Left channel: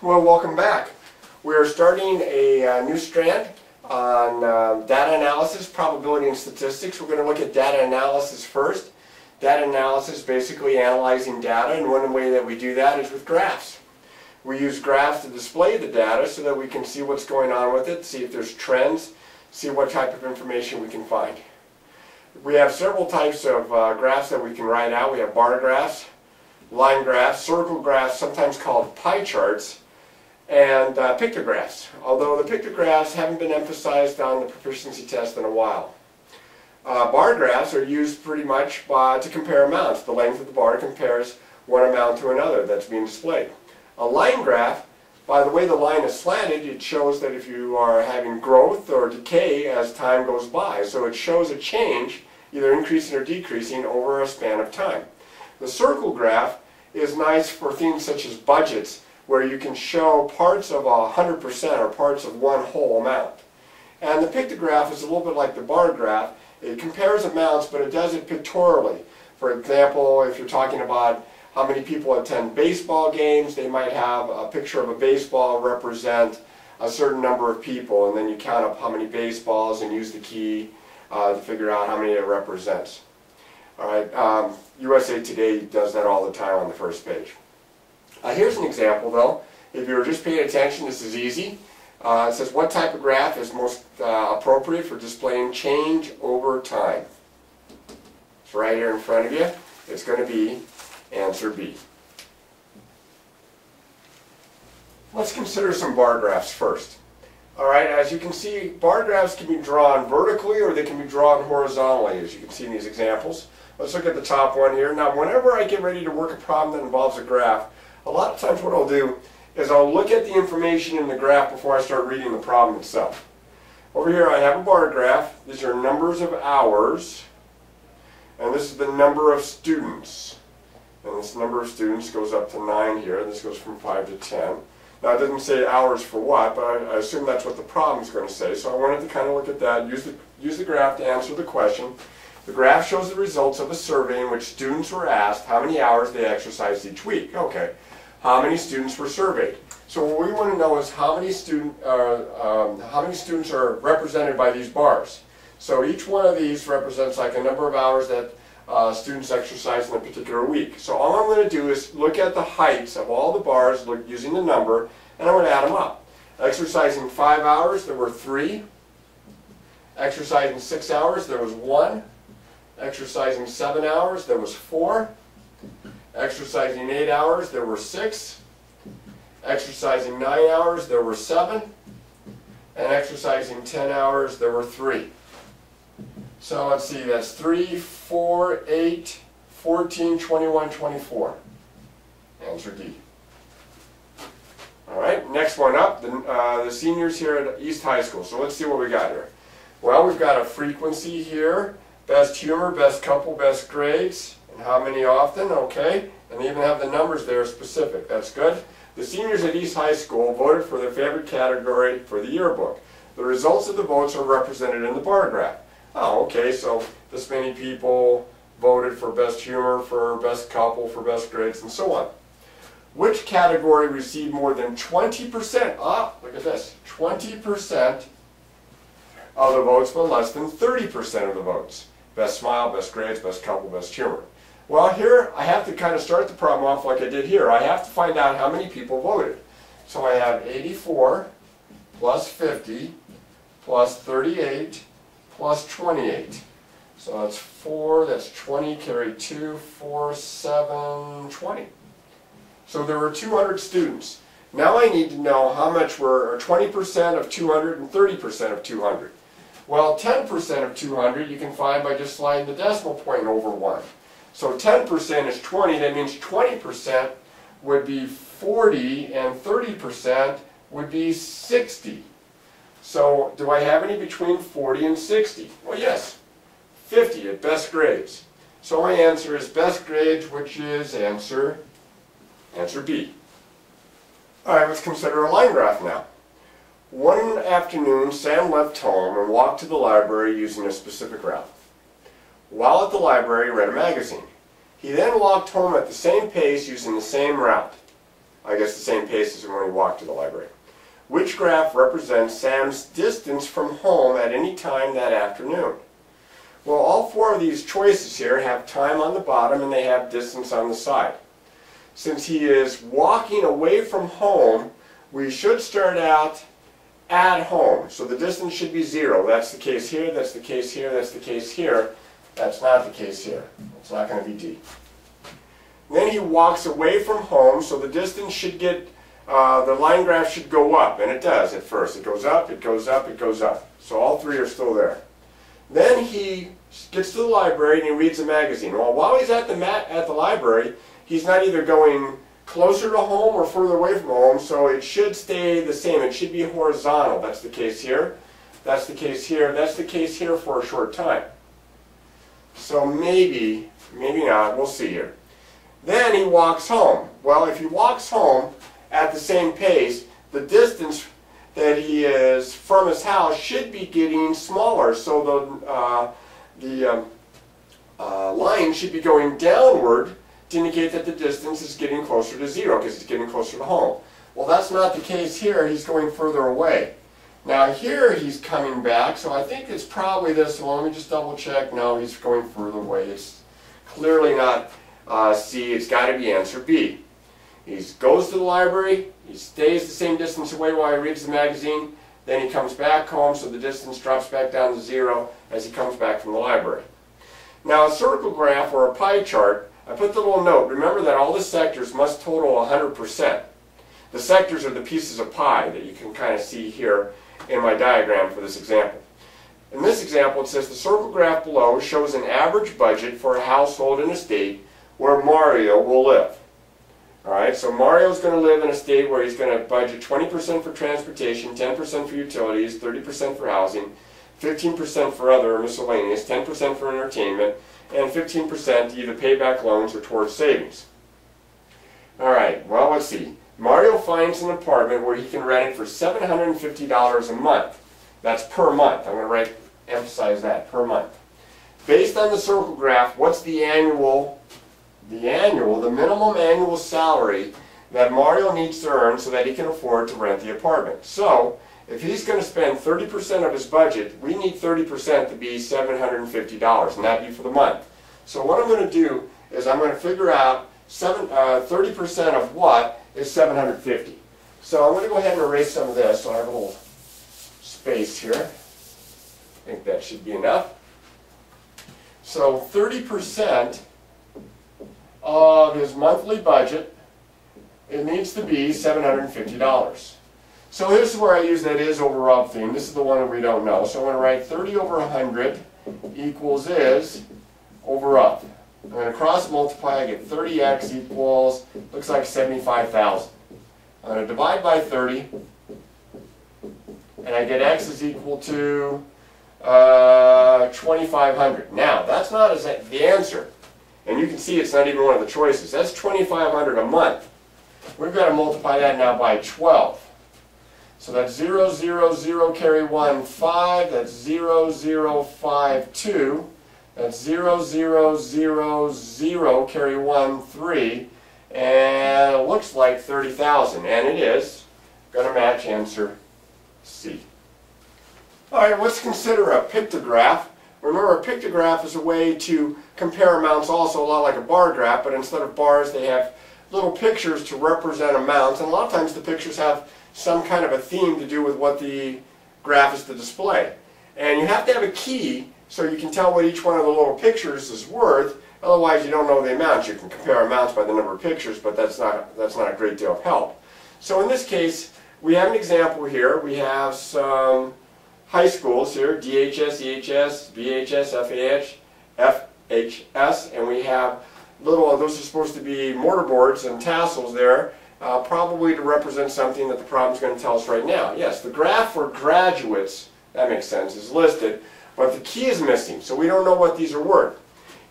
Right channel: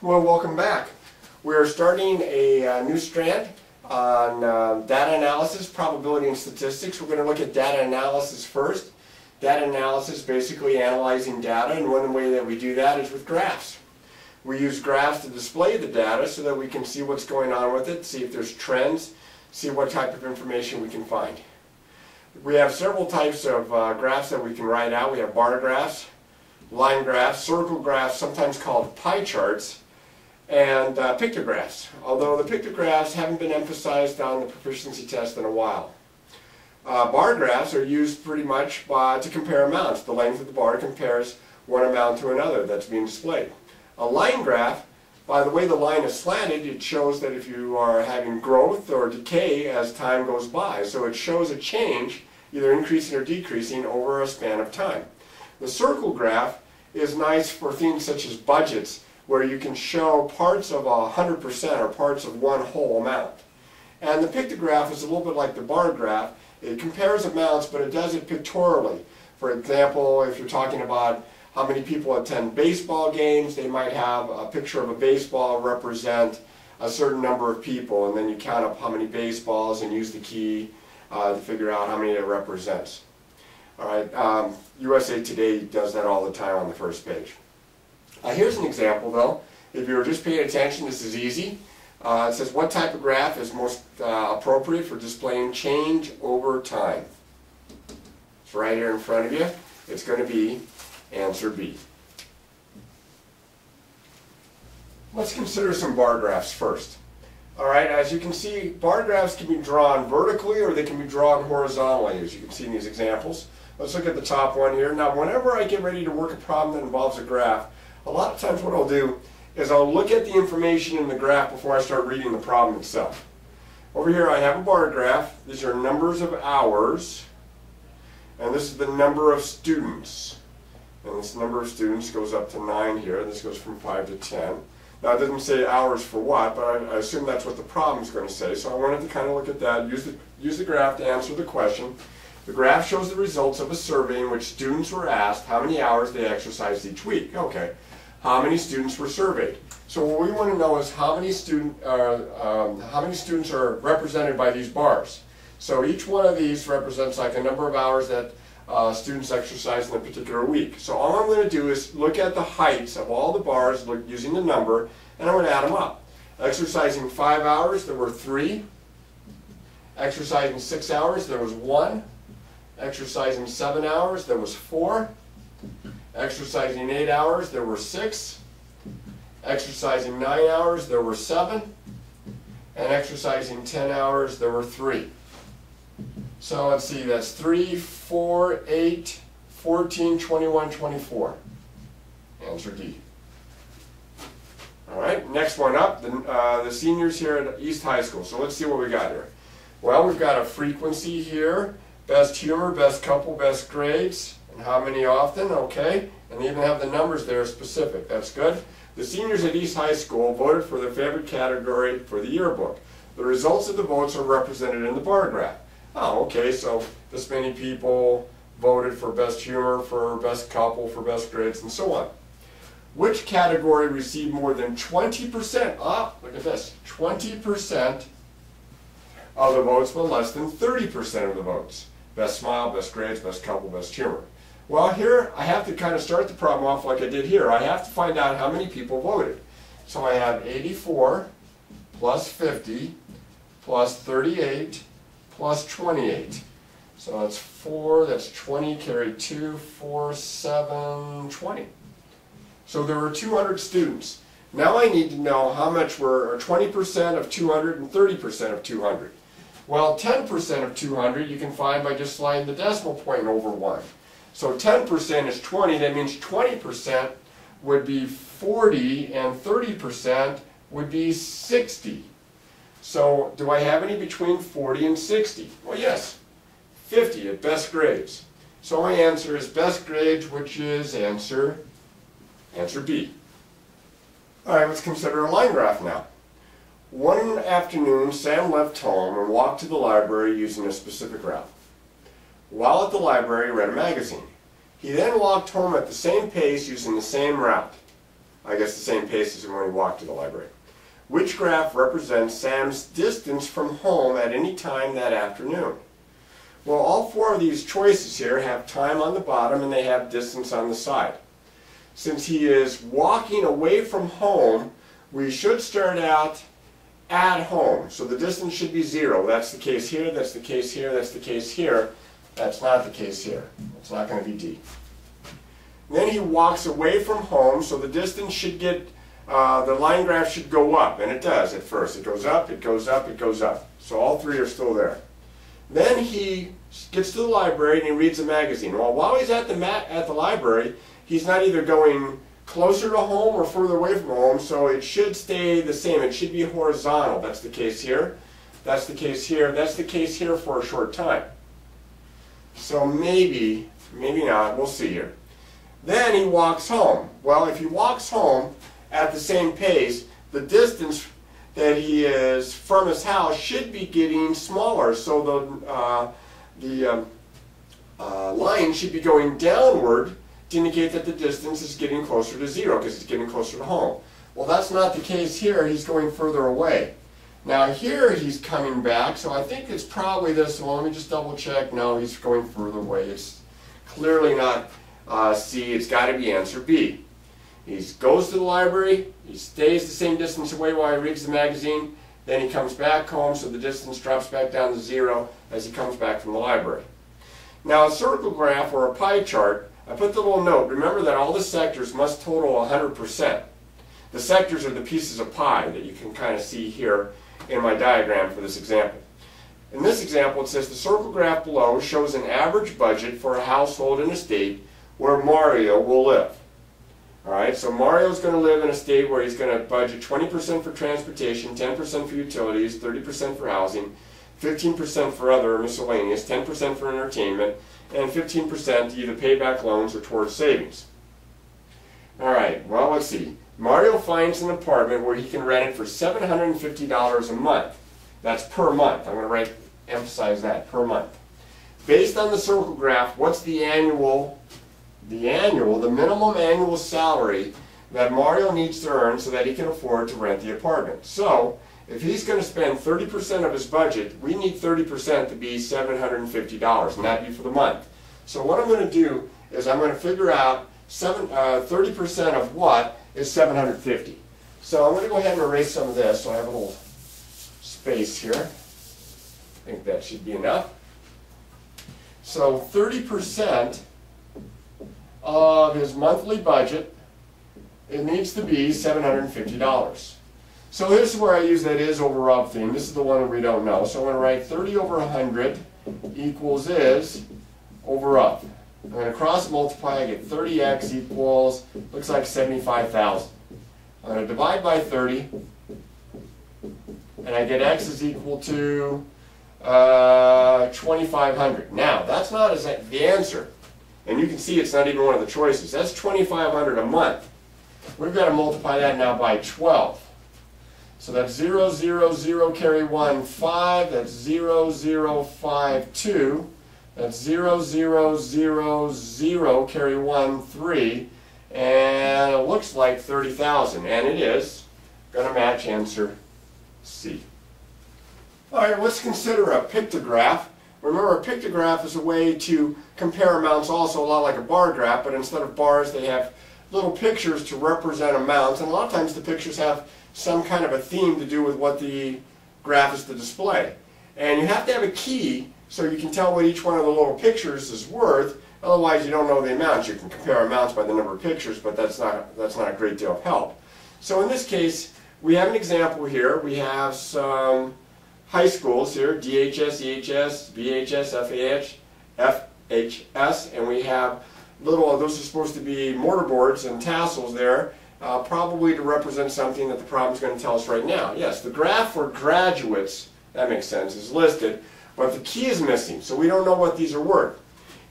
Well, welcome back. We are starting a new strand on data analysis, probability and statistics. We're going to look at data analysis first. Data analysis, basically analyzing data, and one way that we do that is with graphs. We use graphs to display the data so that we can see what's going on with it, see if there's trends, see what type of information we can find. We have several types of graphs that we can write out. We have bar graphs, line graphs, circle graphs, sometimes called pie charts, and pictographs, although the pictographs haven't been emphasized on the proficiency test in a while. Bar graphs are used pretty much to compare amounts. The length of the bar compares one amount to another that's being displayed. A line graph, by the way the line is slanted, it shows that if you are having growth or decay as time goes by. So it shows a change, either increasing or decreasing, over a span of time. The circle graph is nice for things such as budgets, where you can show parts of 100% or parts of one whole amount. And the pictograph is a little bit like the bar graph. It compares amounts, but it does it pictorially. For example, if you're talking about how many people attend baseball games, they might have a picture of a baseball represent a certain number of people, and then you count up how many baseballs and use the key to figure out how many it represents. All right, USA Today does that all the time on the first page. Here's an example though. If you were just paying attention, this is easy. It says, what type of graph is most appropriate for displaying change over time? It's right here in front of you. It's going to be answer B. Let's consider some bar graphs first. Alright, as you can see, bar graphs can be drawn vertically or they can be drawn horizontally, as you can see in these examples. Let's look at the top one here. Now, whenever I get ready to work a problem that involves a graph, a lot of times what I'll do is I'll look at the information in the graph before I start reading the problem itself. Over here I have a bar graph. These are numbers of hours, and this is the number of students. And this number of students goes up to 9 here. This goes from 5 to 10. Now it doesn't say hours for what, but I assume that's what the problem is going to say. So I wanted to kind of look at that, use the graph to answer the question. The graph shows the results of a survey in which students were asked how many hours they exercised each week. Okay, how many students were surveyed? So what we want to know is how many students are represented by these bars. So each one of these represents like a number of hours that students exercise in a particular week. So all I'm going to do is look at the heights of all the bars using the number, and I'm going to add them up. Exercising 5 hours, there were 3. Exercising 6 hours, there was 1. Exercising 7 hours, there was 4. Exercising 8 hours, there were 6. Exercising 9 hours, there were 7. And exercising 10 hours, there were 3. So let's see, that's 3, 4, 8, 14, 21, 24. Answer D. All right, next one up, the seniors here at East High School. So let's see what we got here. Well, we've got a frequency here, best humor, best couple, best grades, and how many often, okay. And they even have the numbers there specific, that's good. The seniors at East High School voted for their favorite category for the yearbook. The results of the votes are represented in the bar graph. Oh, okay, so this many people voted for best humor, for best couple, for best grades, and so on. Which category received more than 20%? Ah, look at this, 20% of the votes, but less than 30% of the votes. Best smile, best grades, best couple, best humor. Well, here I have to kind of start the problem off like I did here. I have to find out how many people voted. So I have 84 plus 50 plus 38 plus 28. So that's 4, that's 20, carry 2, 4, 7, 20. So there were 200 students. Now I need to know how much were 20% of 200 and 30% of 200. Well, 10% of 200 you can find by just sliding the decimal point over 1. So 10% is 20, that means 20% would be 40 and 30% would be 60. So do I have any between 40 and 60? Well, yes, 50 at best grades. So my answer is best grades, which is answer B. All right, let's consider a line graph now. One afternoon, Sam left home and walked to the library using a specific route. While at the library, he read a magazine. He then walked home at the same pace using the same route. I guess the same pace as when he walked to the library. Which graph represents Sam's distance from home at any time that afternoon? Well, all four of these choices here have time on the bottom and they have distance on the side. Since he is walking away from home, we should start out at home. So the distance should be 0. That's the case here, that's the case here, that's the case here. That's not the case here. It's not going to be D. Then he walks away from home, so the distance should get, the line graph should go up, and it does at first. It goes up, it goes up, it goes up. So all three are still there. Then he gets to the library and he reads a magazine. Well, while he's at the library, he's not either going closer to home or further away from home, so it should stay the same. It should be horizontal. That's the case here. That's the case here. That's the case here for a short time. So maybe, maybe not. We'll see here. Then he walks home. Well, if he walks home at the same pace, the distance that he is from his house should be getting smaller. So the line should be going downward to indicate that the distance is getting closer to 0 because he's getting closer to home. Well, that's not the case here. He's going further away. Now here he's coming back, so I think it's probably this one. Let me just double check. No, he's going further away. It's clearly not C. It's got to be answer B. He goes to the library. He stays the same distance away while he reads the magazine. Then he comes back home, so the distance drops back down to 0 as he comes back from the library. Now a circle graph or a pie chart, I put the little note. Remember that all the sectors must total 100%. The sectors are the pieces of pie that you can kind of see here in my diagram for this example. In this example, it says the circle graph below shows an average budget for a household in a state where Mario will live. Alright, so Mario's going to live in a state where he's going to budget 20% for transportation, 10% for utilities, 30% for housing, 15% for other miscellaneous, 10% for entertainment, and 15% to either pay back loans or towards savings. Alright, well, let's see. Mario finds an apartment where he can rent it for $750 a month. That's per month. I'm going to emphasize that, per month. Based on the circle graph, what's the minimum annual salary that Mario needs to earn so that he can afford to rent the apartment? So, if he's going to spend 30% of his budget, we need 30% to be $750, and that'd be for the month. So what I'm going to do is I'm going to figure out 30% of what is $750. So I'm going to go ahead and erase some of this so I have a little space here. I think that should be enough. So 30% of his monthly budget, it needs to be $750. So this is where I use that is over of theme. This is the one that we don't know. So I'm going to write 30 over 100 equals is over of. I'm going to cross multiply. I get 30x equals, looks like 75,000. I'm going to divide by 30, and I get x is equal to 2,500. Now, that's not the answer. And you can see it's not even one of the choices. That's 2,500 a month. We've got to multiply that now by 12. So that's 0, 0, 0, carry 1, 5. That's 0, 0, 5, 2. That's 0, 0, 0, 0, carry 1, 3. And it looks like 30,000. And it is going to match answer C. All right, let's consider a pictograph. Remember, a pictograph is a way to compare amounts, also a lot like a bar graph, but instead of bars, they have little pictures to represent amounts. And a lot of times the pictures have some kind of a theme to do with what the graph is to display. And you have to have a key so you can tell what each one of the little pictures is worth. Otherwise, you don't know the amounts. You can compare amounts by the number of pictures, but that's not a great deal of help. So in this case, we have an example here. We have some high schools here, DHS, EHS, BHS, FHS, and we have those are supposed to be mortarboards and tassels there, probably to represent something that the problem is going to tell us right now. Yes, the graph for graduates, that makes sense, is listed, but the key is missing, so we don't know what these are worth.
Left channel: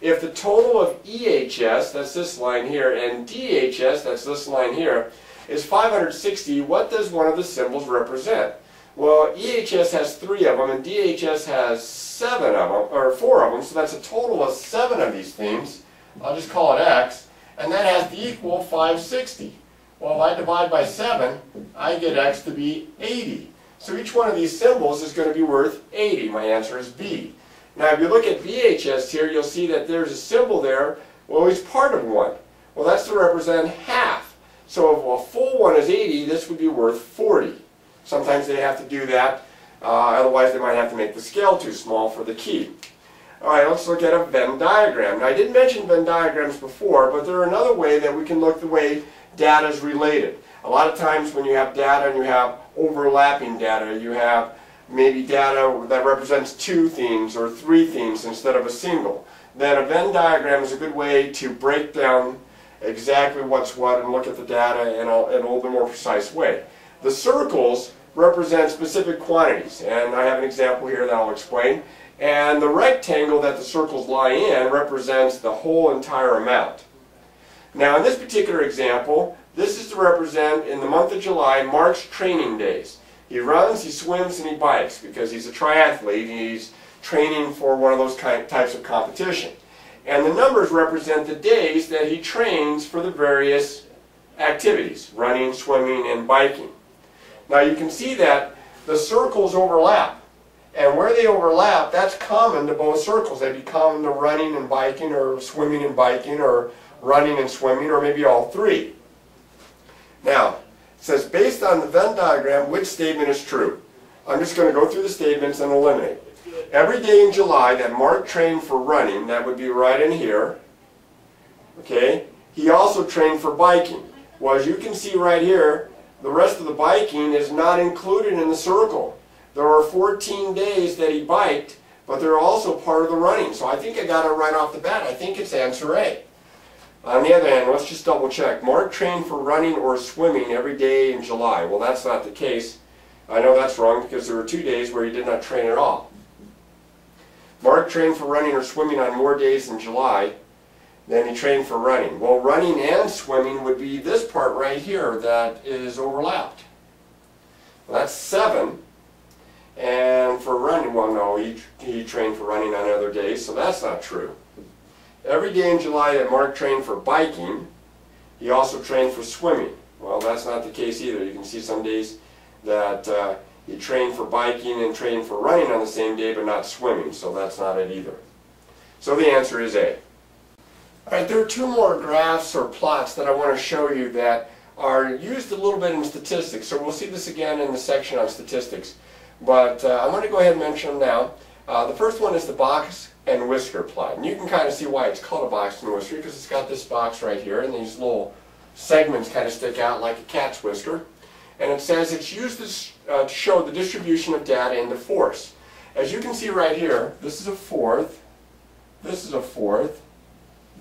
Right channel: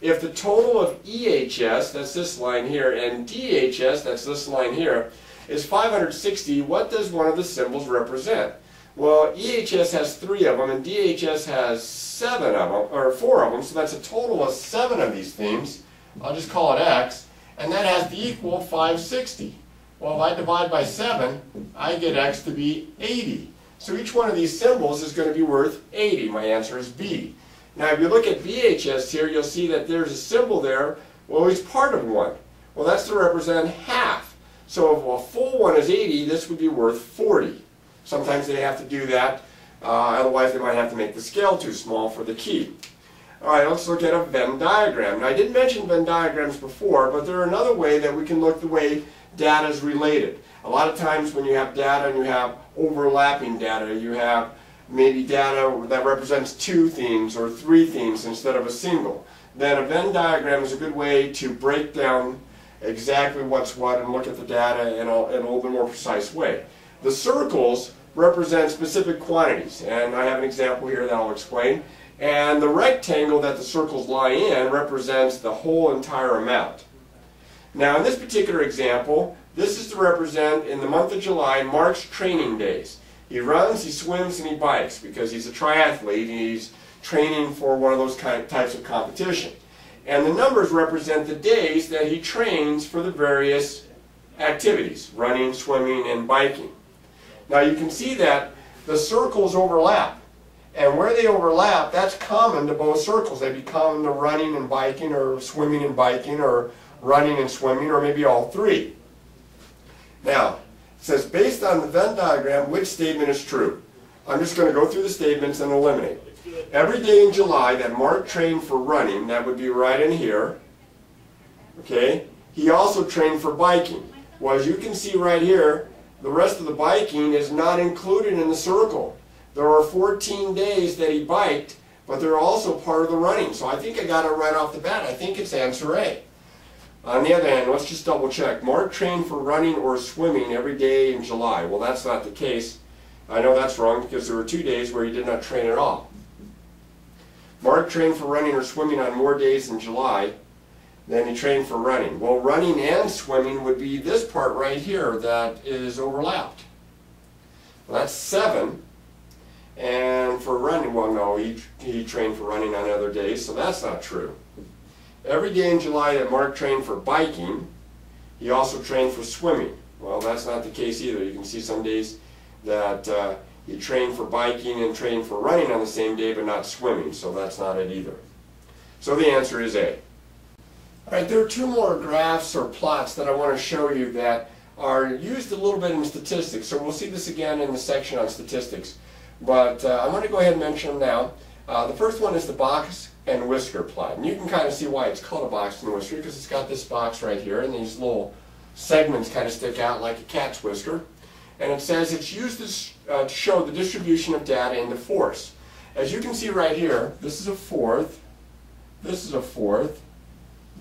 If the total of EHS, that's this line here, and DHS, that's this line here, is 560, what does one of the symbols represent? Well, EHS has 3 of them, and DHS has 7 of them, or 4 of them, so that's a total of 7 of these things. I'll just call it X, and that has the equal 560. Well, if I divide by 7, I get x to be 80. So each one of these symbols is going to be worth 80. My answer is B. Now if you look at BHS here, you'll see that there's a symbol there. Well, it's part of 1. Well, that's to represent half. So if a full 1 is 80, this would be worth 40. Sometimes they have to do that. Otherwise, they might have to make the scale too small for the key. All right, let's look at a Venn diagram. Now, I didn't mention Venn diagrams before, but they're another way that we can look the way data is related. A lot of times when you have data and you have overlapping data, you have maybe data that represents 2 themes or 3 themes instead of a single. Then a Venn diagram is a good way to break down exactly what's what and look at the data in a little bit more precise way. The circles represent specific quantities, and I have an example here that I'll explain. And the rectangle that the circles lie in represents the whole entire amount. Now in this particular example, this is to represent, in the month of July, Mark's training days. He runs, he swims, and he bikes because he's a triathlete and he's training for one of those types of competition. And the numbers represent the days that he trains for the various activities, running, swimming, and biking. Now you can see that the circles overlap. And where they overlap, that's common to both circles. They'd be common to running and biking, or swimming and biking, or running and swimming, or maybe all 3. Now, it says, based on the Venn diagram, which statement is true? I'm just going to go through the statements and eliminate. Every day in July that Mark trained for running, that would be right in here. Okay? He also trained for biking. Well, as you can see right here, the rest of the biking is not included in the circle. There are 14 days that he biked, but they're also part of the running. So I think I got it right off the bat. I think it's answer A. On the other hand, let's just double check. Mark trained for running or swimming every day in July. Well, that's not the case. I know that's wrong because there were 2 days where he did not train at all. Mark trained for running or swimming on more days in July than he trained for running. Well, running and swimming would be this part right here that is overlapped. Well, that's 7. And for running, well, no, he trained for running on other days, so that's not true. Every day in July that Mark trained for biking, he also trained for swimming. Well, that's not the case either. You can see some days that he trained for biking and trained for running on the same day, but not swimming, so that's not it either. So the answer is A. All right, there are 2 more graphs or plots that I want to show you that are used a little bit in statistics, so we'll see this again in the section on statistics. But I'm going to go ahead and mention them now. The first one is the box and whisker plot. And you can kind of see why it's called a box and whisker, because it's got this box right here, and these little segments kind of stick out like a cat's whisker. And it says it's used to show the distribution of data into fourths. As you can see right here, this is a fourth, this is a fourth,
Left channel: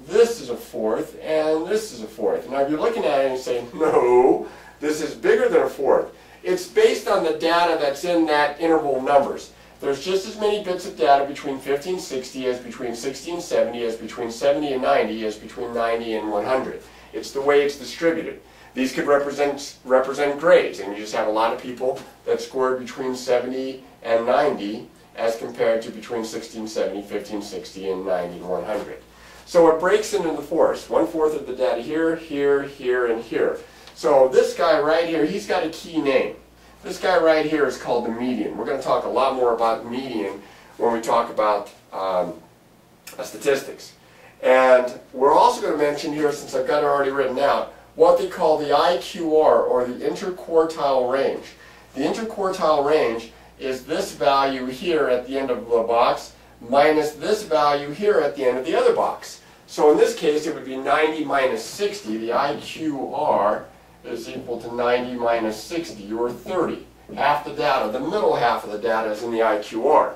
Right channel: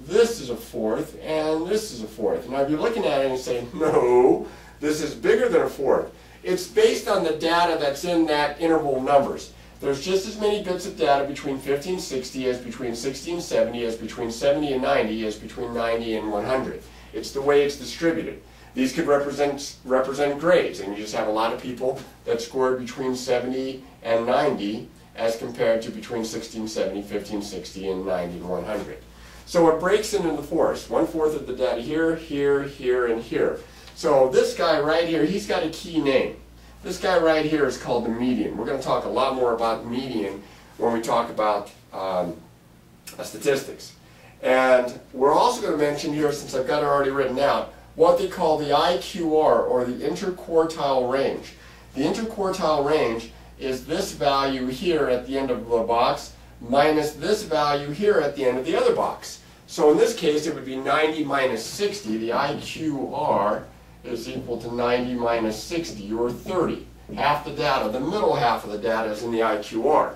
this is a fourth, and this is a fourth. Now if you're looking at it and you say, no, this is bigger than a fourth. It's based on the data that's in that interval of numbers. There's just as many bits of data between 50 and 60 as between 60 and 70, as between 70 and 90, as between 90 and 100. It's the way it's distributed. These could represent grades, and you just have a lot of people that scored between 70 and 90 as compared to between 60 and 70, 50 and 60, and 90 and 100. So it breaks into the fourths. 1/4 of the data here, here, here, and here. So this guy right here, he's got a key name. This guy right here is called the median. We're going to talk a lot more about median when we talk about statistics. And we're also going to mention here, since I've got it already written out, what they call the IQR, or the interquartile range. The interquartile range is this value here at the end of the box minus this value here at the end of the other box. So in this case, it would be 90 minus 60. The IQR is equal to 90 minus 60, or 30. Half the data, the middle half of the data is in the IQR.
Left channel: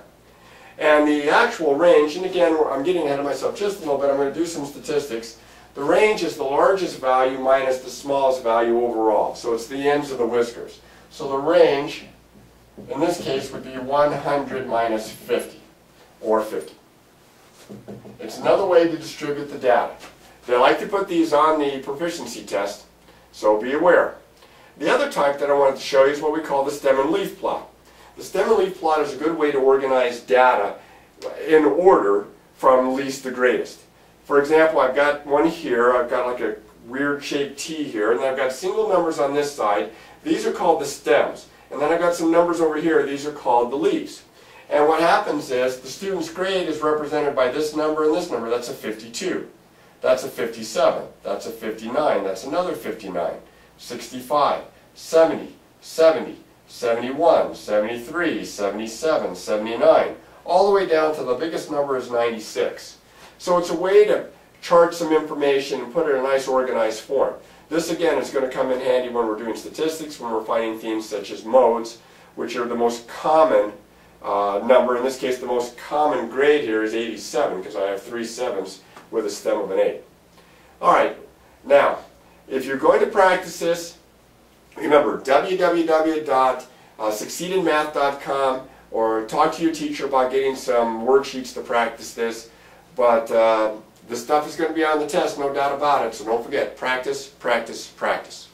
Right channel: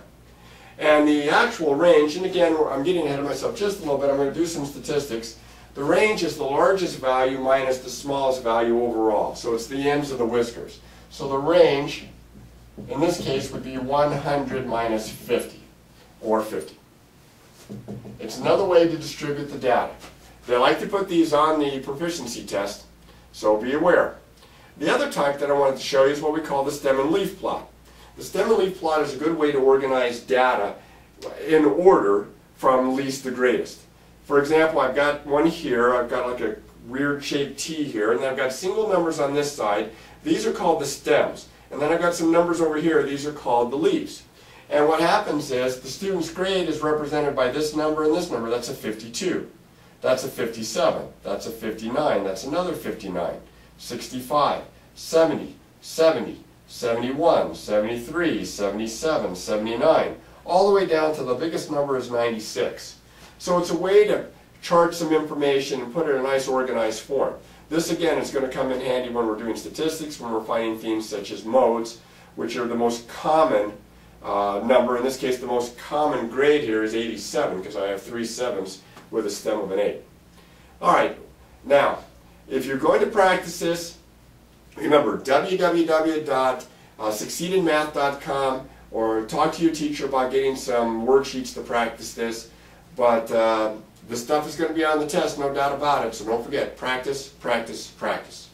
And the actual range, and again, I'm getting ahead of myself just a little bit, I'm going to do some statistics. The range is the largest value minus the smallest value overall. So it's the ends of the whiskers. So the range, in this case, would be 100 minus 50, or 50. It's another way to distribute the data. They like to put these on the proficiency test, so be aware. The other type that I wanted to show you is what we call the stem and leaf plot. The stem and leaf plot is a good way to organize data in order from least to greatest. For example, I've got one here. I've got like a weird shaped T here, and I've got single numbers on this side. These are called the stems. And then I've got some numbers over here. These are called the leaves. And what happens is the student's grade is represented by this number and this number. That's a 52. That's a 57. That's a 59. That's another 59. 65, 70, 70, 71, 73, 77, 79. All the way down to the biggest number is 96. So it's a way to chart some information and put it in a nice organized form. This again is going to come in handy when we're doing statistics, when we're finding themes such as modes, which are the most common number. In this case, the most common grade here is 87 because I have 3 7s with a stem of an 8. All right, now, if you're going to practice this, remember www.succeedinmath.com, or talk to your teacher about getting some worksheets to practice this. But this stuff is going to be on the test, no doubt about it, so don't forget, practice, practice, practice.